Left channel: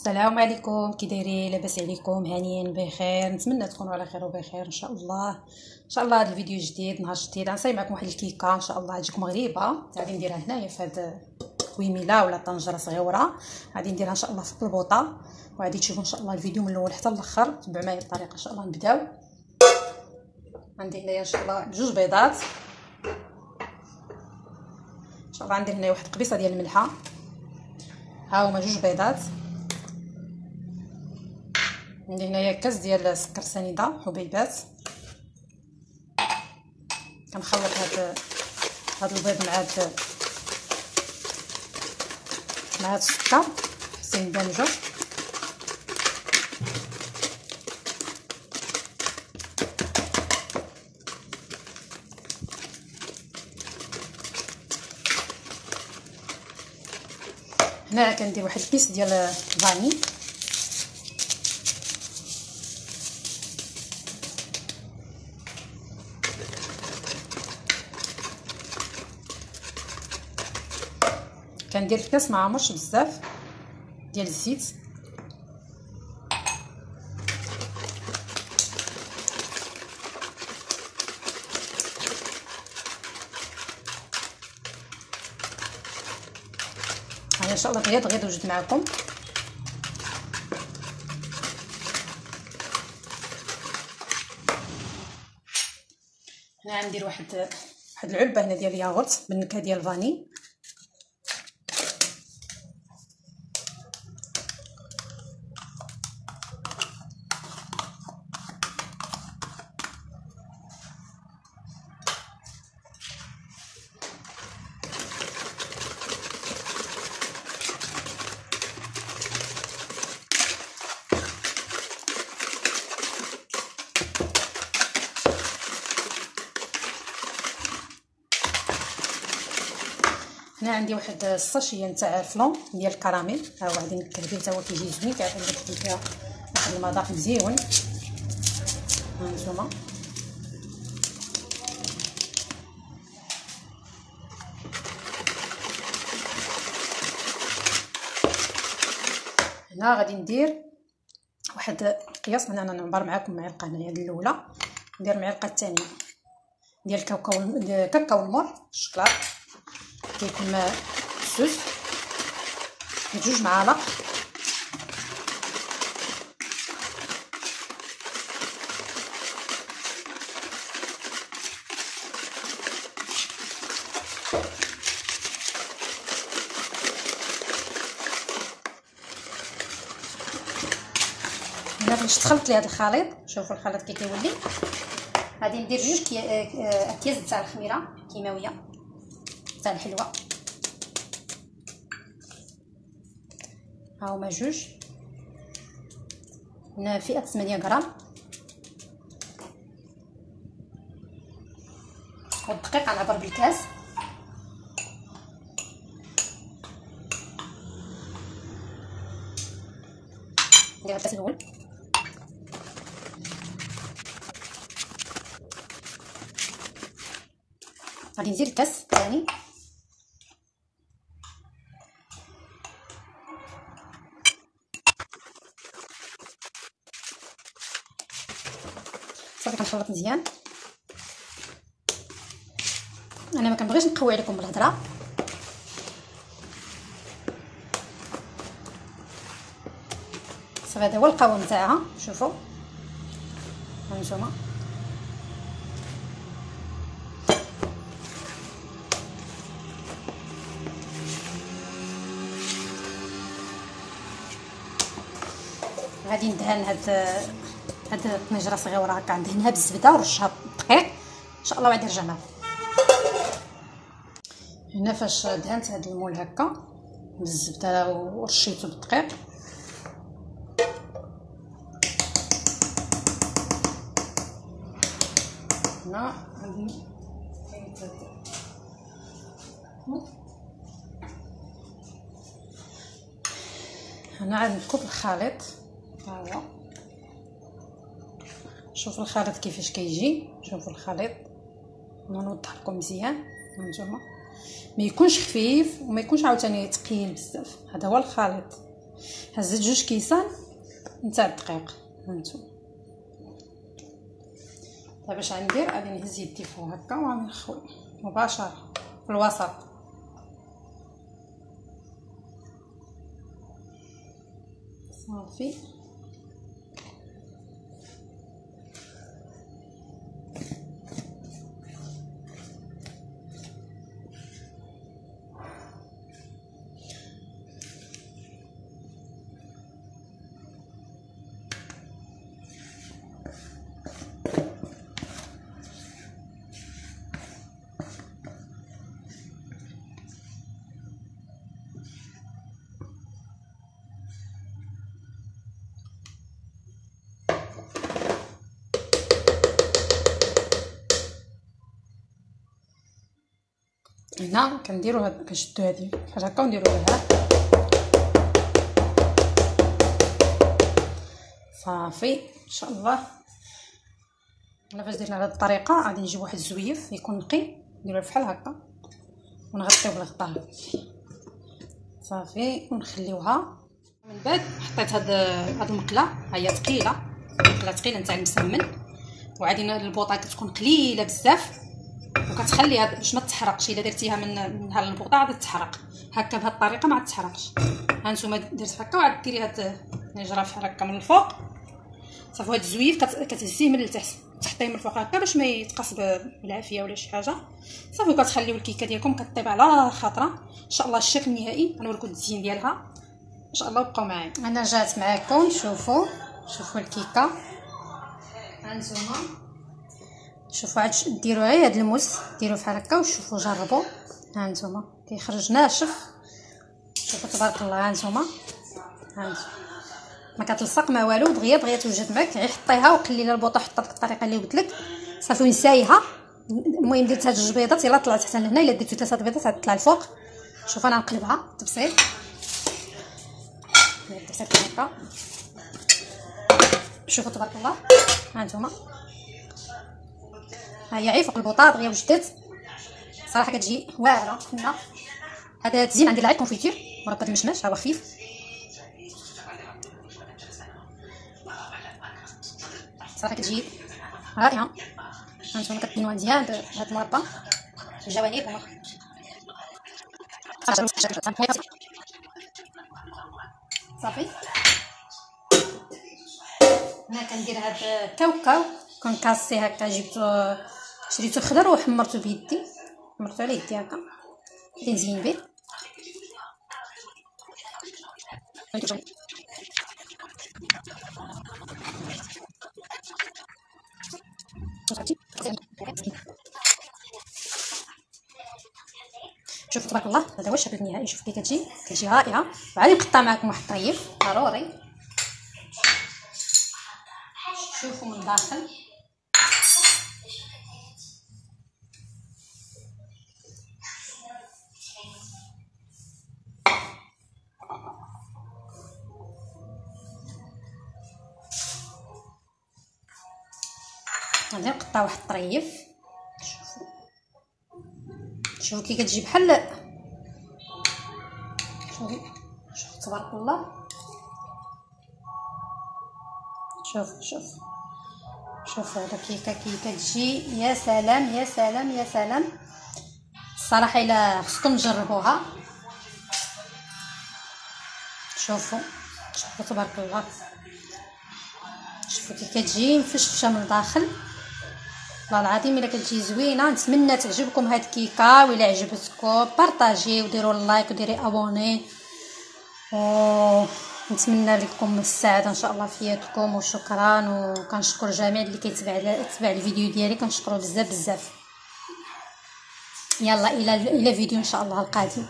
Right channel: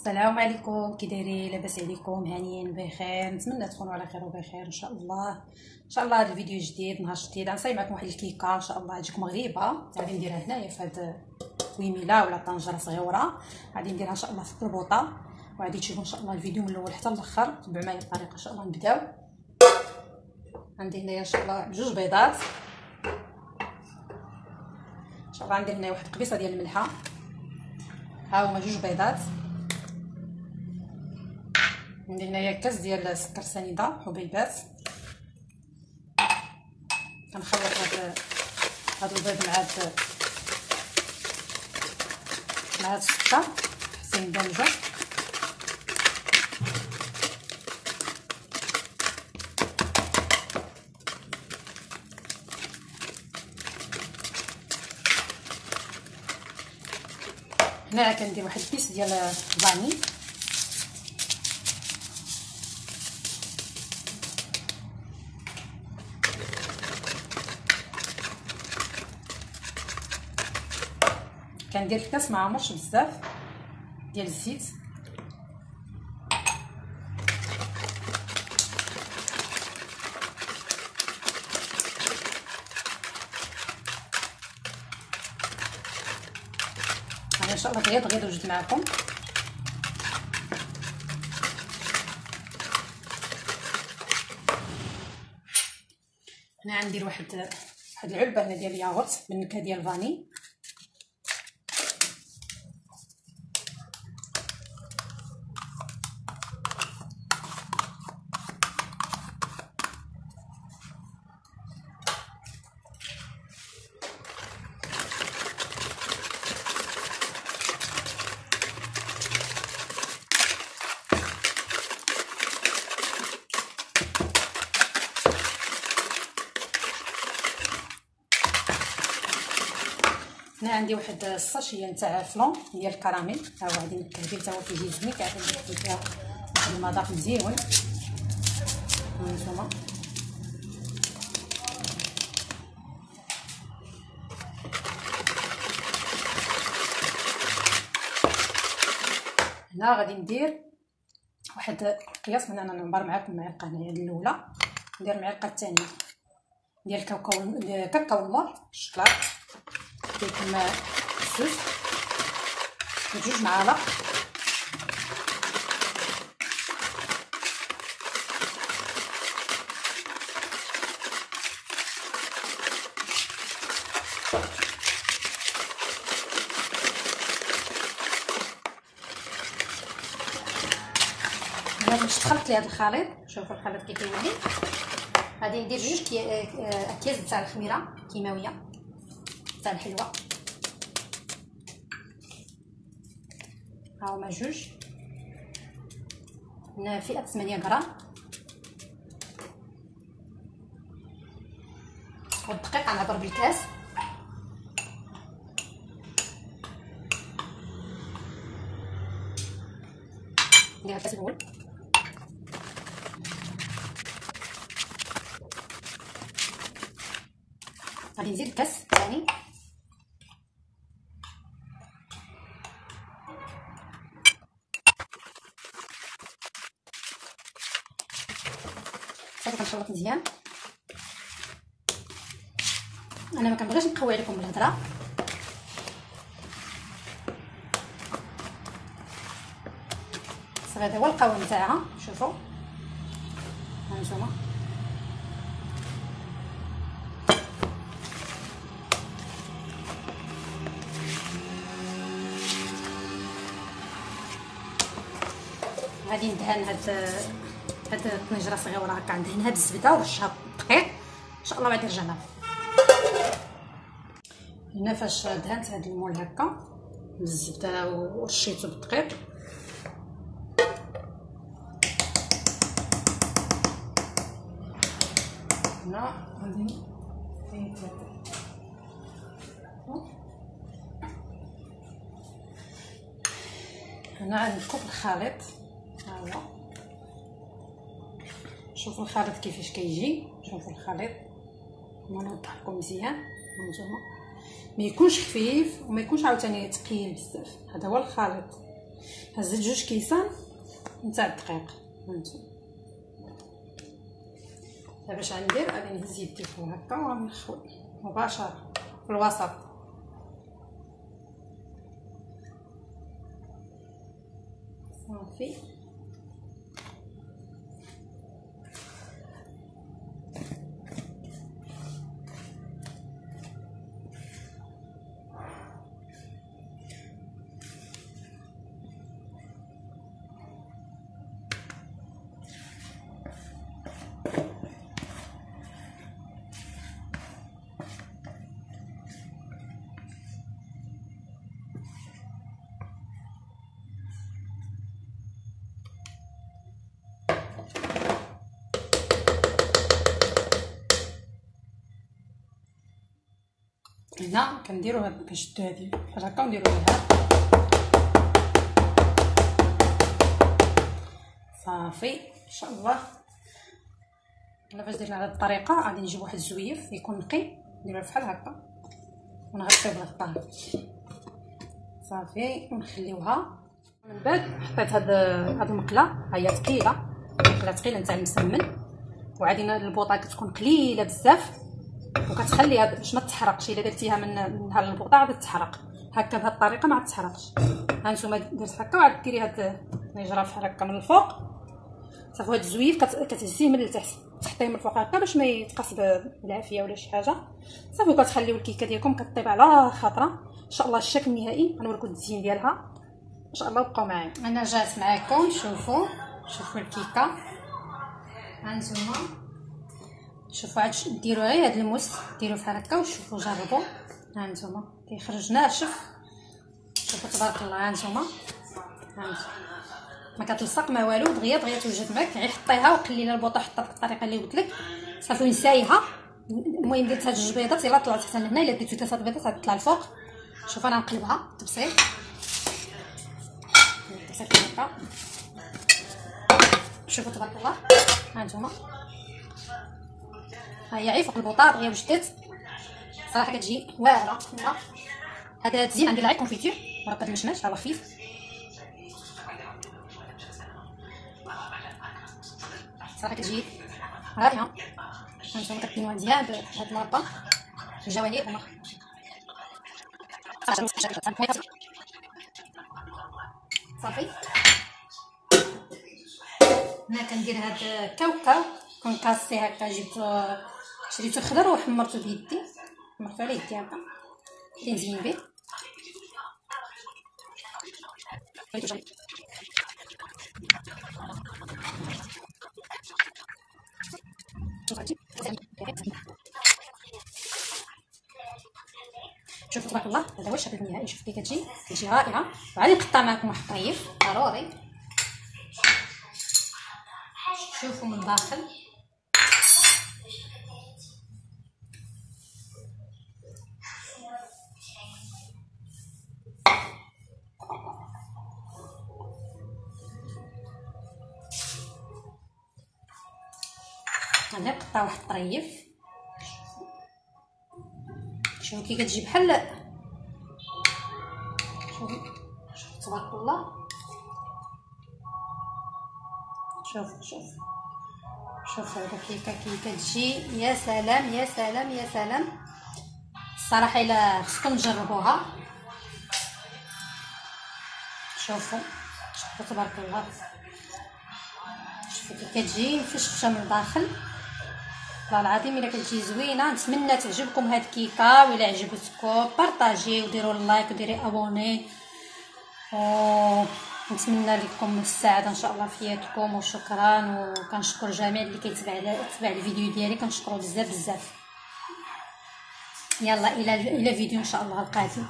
السلام عليكم، كي دايرين؟ لاباس عليكم؟ هانيين بخير؟ نتمنى تكونوا على خير وبخير ان شاء الله. ان شاء الله هذا الفيديو جديد، نهار جديد، غنصايب معكم واحد الكيكه ان شاء الله تجيكم غريبه. غادي نديرها هنايا في هاد كويميله ولا طنجره صغيره، غادي نديرها ان شاء الله في البلبوطه، وغادي تشوفوا ان شاء الله الفيديو من الاول حتى الاخر. تبعوا معايا الطريقه ان شاء الله. نبداو. عندي هنايا ان شاء الله جوج بيضات، ان شاء الله غندير هنايا واحد قبيصه ديال الملحه. ها هما جوج بيضات. عندي هنايا كاس ديال السكر سنيده حبيبات. كنخلط هاد البيض مع هاد السكر حتى يندمجوا. هنا كندير واحد البيس ديال الفاني، كندير في كاس ما عمرش بزاف ديال الزيت. ان شاء الله غير وجد معكم. هنا غندير واحد العلبه هنا ديال الياغورت بالنكهه ديال الفاني. هنا عندي واحد الساشيه نتاع الفلون ديال الكراميل، ها هو غادي نكهل به حتى هو كيجي زوين، كيعطي فيها واحد المذاق مزيون. هانتوما هنا غادي ندير واحد قياس. انا نعبر معكم معلقه هنايا الاولى، ندير المعلقه الثانيه ديال كاكاو المر الشكلاط، كيكون سوس بجوج معالق. باش دخلت لهذا الخليط، شوفوا الخليط كي كيولي. غادي ندير جوج اكياس تاع الخميره كيماويه تاع الحلوه. ها هما جوج. هنا فئه 8 غرام. والدقيق غنعبر بالكاس. ندير الكاس الاول، غادي نزيد الكاس الثاني، صافي كنخلط مزيان. انا ما كنبغيش نقوي عليكم بالهضره، صافي هذا هو القوام تاعها. شوفوا هانتوما غادي ندهن هاد الطنجره صغيره هكا، ندهنها بالزبده ورشها بالدقيق ان شاء الله، وعاد نرجع لها. هنا فاش دهنت هاد المول هكا بالزبده ورشيته بالدقيق، هنا غادي هنا غادي نكب الخليط. ها هو شوفوا الخليط كيفاش كيجي. شوفوا الخليط، نوضح لكم مزيان. هانتوما ما يكونش خفيف وما يكونش عاوتاني ثقيل بزاف، هذا هو الخليط. هزيت 2 كيسان نتاع الدقيق. هانتوما دابا باش غندير، غادي نهز يدي فوق هكا وغادي نخوي مباشره في الوسط. صافي هنا كنديرو هاد، كنشدو هادي بحال هكا ونديرو لها صافي ان شاء الله. انا باش درنا بهاد الطريقه غادي نجيب واحد الزويف يكون نقي، نديرو بحال هكا ونغطيوه بالغطاء صافي ونخليوها. من بعد حطيت هاد المقله، ها هي ثقيله، مقله ثقيله نتاع المسمن، وعادي البوطه كتكون قليله بزاف وكتخليها باش ما تحرقش. الا درتيها من هاد البوطه غادي تحرق، هكا بهاد الطريقه ما تحرقش. ها نتوما درت هكا وعاد ديري هاد النجره بحال هكا من الفوق صافي. هاد الزويف كتهزيه من التحت، تحطيه من الفوق هكا باش ما يتقص بالعافيه ولا شي حاجه صافي. وكتخليو الكيكه ديالكم كطيب على خاطره ان شاء الله. الشكل النهائي غنوريكم التزيين ديالها ان شاء الله. بقاو معايا. انا رجعت معاكم، شوفوا الكيكه. ها نتوما شوفوا، عاد ديروا غير هاد الموس، ديروا بحال هكا وشوفوا جربوا. ها نتوما كيخرج ناشف، شوفوا تبارك الله. ها نتوما ما كتلصق ما والو، دغيا توجد معك. غير حطيها وقليلها البوطه، حطها بديك الطريقه اللي قلت لك صافي ونسايها. المهم درت هاد 2 بيضات، يلا طلعت حتى لهنا. الا درتي 3 بيضات غتطلع الفوق. شوف انا نقلبها تبسيط هكا، شوفوا تبارك الله. ها نتوما ها هي عيف فوق البوطه دغيا وجدت صراحه كتجي واعره. هذا تزين عندي العيب كونفيتير مربى مشماش، هذا خفيف صراحه كتجي رائعه. هانتوما كتبينوها مزيان بهاد المربى في الجوانب صافي. هنا كندير هاد الكاوكاو، كنكاسي هكا، شريتو خضر وحمرتو بيدي، حمرتو على يدي هكا بدي نزين به. شوفوا تبارك الله، هذا هو الشكل النهائي. شوف كي كتجي رائعه. وعادي نقطع معكم واحد الطريف ضروري. شوفوا من الداخل غادي نقطع واحد الطريف. شوفوا كي كتجي بحال، شوفوا تبارك الله. شوفوا هذا الكيكه كي كتجي، يا سلام يا سلام يا سلام. الصراحه الا خصكم تجربوها. شوفوا تبارك الله. شوفوا كي كتجي مفشفشه من الداخل، والله العظيم الا كتجي زوينه. نتمنى تعجبكم هاد الكيكه، وإلا عجبتكم بارطاجي وديروا اللايك وديري ابوني. نتمنى لكم السعاده ان شاء الله في حياتكم. وشكرا، وكنشكر جميع اللي كيتبع الفيديو ديالي، كنشكرو بزاف. يلا الى فيديو ان شاء الله القادم.